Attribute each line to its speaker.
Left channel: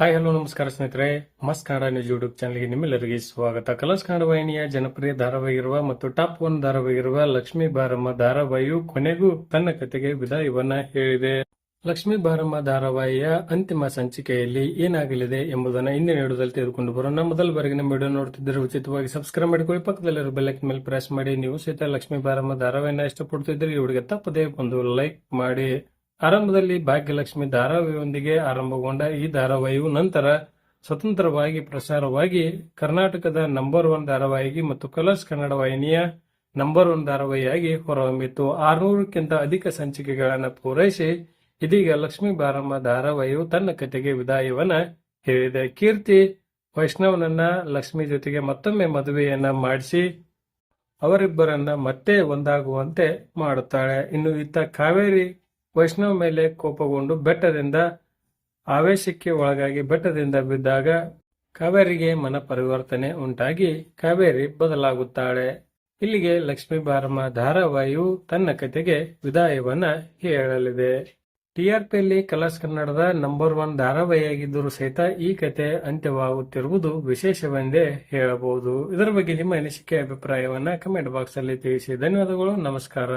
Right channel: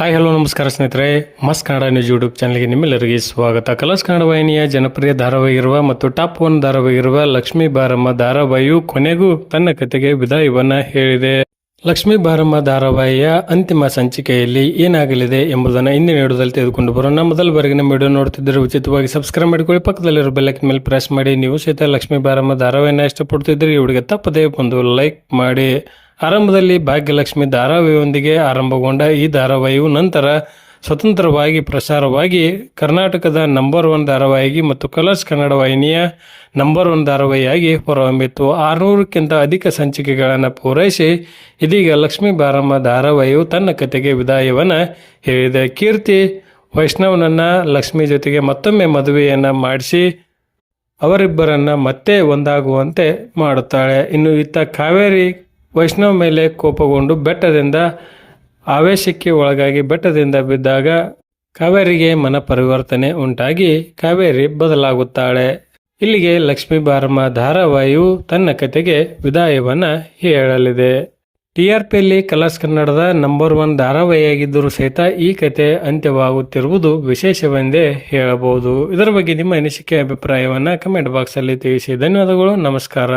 Speaker 1: Hi, hello, ನಮಸ್ಕಾರ ಸ್ನೇಹಿತರೆ. ಮಸ್ ಕನ್ನಡ ನ್ಯೂಸ್ ಯೂಟ್ಯೂಬ್ ಚಾನಲ್ಗೆ ನಿಮ್ಮೆಲ್ಲರಿಗೆ ಸ್ವಾಗತ. ಕಲರ್ಸ್ ಕನ್ನಡ ವಾಹಿನಿಯ ಜನಪ್ರಿಯ ಧಾರಾವಾಹಿರುವ ಮತ್ತು ಟಾಪ್ ಒನ್ ಧಾರಾವಾಹಿರುವ ಲಕ್ಷ್ಮೀ ಬಾರಮ್ಮ ಧಾರಾವಾಹಿಯು ಕೊನೆಗೂ ತನ್ನ ಕತೆಗೆ ವಿದಾಯವನ್ನ ಹೇಳಿದೆ. ಲಕ್ಷ್ಮೀ ಬಾರಮ್ಮ ಧಾರಾವಾಹಿಯ ಅಂತಿಮ ಸಂಚಿಕೆಯಲ್ಲಿ ಏನಾಗಲಿದೆ ಎಂಬುದನ್ನು ಇಂದಿನ ವಿಡಿಯೋದಲ್ಲಿ ತೆಗೆದುಕೊಂಡು ಬರೋಣ. ಮೊದಲ ಬಾರಿಗೆ ನಮ್ಮ ವಿಡಿಯೋ ನೋಡ್ತಿದ್ದರೆ ಉಚಿತವಾಗಿ ಸಬ್ಸ್ಕ್ರೈಬ್ ಮಾಡಿಕೊಳ್ಳಿ. ಪಕ್ಕದಲ್ಲಿರೋ ಬೆಲ್ಲಕ್ ಮೇಲೆ ಪ್ರೆಸ್ ಮಾಡಿ. ನೀವು ಸಹಿತ ಲಕ್ಷ್ಮೀ ಬಾರಮ್ಮ ಧಾರಾವಾಹಿನ ಇಷ್ಟಪಡ್ತಿದ್ದರೆ ಇವರಿಗೆ ತಪ್ಪದೇ ಒಂದು ಲೈಕ್ ಮಾಡಿ. ಆರಂಭದಲ್ಲಿ ಭಾಗ್ಯಲಕ್ಷ್ಮಿ ಧಾರಾವಾಹಿಯೊಂದಿಗೆ ಆರಂಭಗೊಂಡ ಈ ಧಾರಾವಾಹಿಯು ನಂತರ ಸ್ವತಂತ್ರವಾಗಿ ಪ್ರಸಾರವಾಗಿ ಕರ್ನಾಟಕದ ನಂಬರ್ ಒನ್ ಧಾರಾವಾಹಿಗೆ ಮತ್ತು ಕಲರ್ಸ್ ಕನ್ನಡ ವಾಹಿನಿಯ ನಂಬರ್ ಒನ್ ಧಾರಾವಾಹಿಯಾಗಿ ಹೊರಹೊಮ್ಮಿತ್ತು ಆರುನೂರಕ್ಕಿಂತ ಅಧಿಕ ಸಂಚಿಕೆಗಳನ್ನು ಪೂರೈಸಿ ಇದೀಗ ಲಕ್ಷ್ಮೀ ಬಾರಮ್ಮ ಧಾರಾವಾಹಿಯು ತನ್ನ ಕತೆಗೆ ವಿದಾಯವನ್ನು ಹೇಳಿದೆ. ಕೀರ್ತಿ ವೈಷ್ಣವನನ್ನು ಲಕ್ಷ್ಮಿ ಜೊತೆಗೆ ಮತ್ತೊಮ್ಮೆ ಮದುವೆಯನ್ನು ಮಾಡಿಸಿ ಅವರಿಬ್ಬರನ್ನು ಮತ್ತೆ ಒಂದಾಗುವಂತೆ ಮಾಡುತ್ತಾಳೆ. ಇನ್ನು ಇತ್ತ ಕಾವೇರಿ ವೈಷ್ಣವ್ ಮೇಲೆ ಕೋಪಗೊಂಡು ಬೆಟ್ಟದಿಂದ ಆವೇಶಕ್ಕೆ ಒಳಗಾಗಿ ಬೆಟ್ಟದಿಂದ ಬಿದ್ದಾಗ ಕಾವೇರಿಗೆ ಮನ ಪರಿವರ್ತನೆ ಉಂಟಾಗಿ ಕಾವೇರಿ ಬದಲಾಗುತ್ತಾಳೆ. ಇಲ್ಲಿಗೆ ಲಕ್ಷ್ಮೀ ಬಾರಮ್ಮ ಧಾರಾವಾಹಿಯು ತನ್ನ ಕತೆಗೆ ವಿದಾಯವನ್ನ ಹೇಳಲಿದೆ. ಟಿ ಆರ್ ಪಿಯಲ್ಲಿ ಕಲರ್ಸ್ ಕನ್ನಡದ ನಂಬರ್ ಒನ್ ಧಾರಾವಾಹಿಯಾಗಿದ್ದರೂ ಸಹಿತ ಈ ಕತೆ ಅಂತ್ಯವಾಗುತ್ತಿರುವುದು ವಿಶೇಷವೆಂದೇ ಹೇಳಬಹುದು. ಇದರ ಬಗ್ಗೆ ನಿಮ್ಮ ಅನಿಸಿಕೆ, ಅಭಿಪ್ರಾಯವನ್ನು ಕಮೆಂಟ್ ಬಾಕ್ಸಲ್ಲಿ ತಿಳಿಸಿ. ಧನ್ಯವಾದಗಳು, ನಮಸ್ಕಾರ.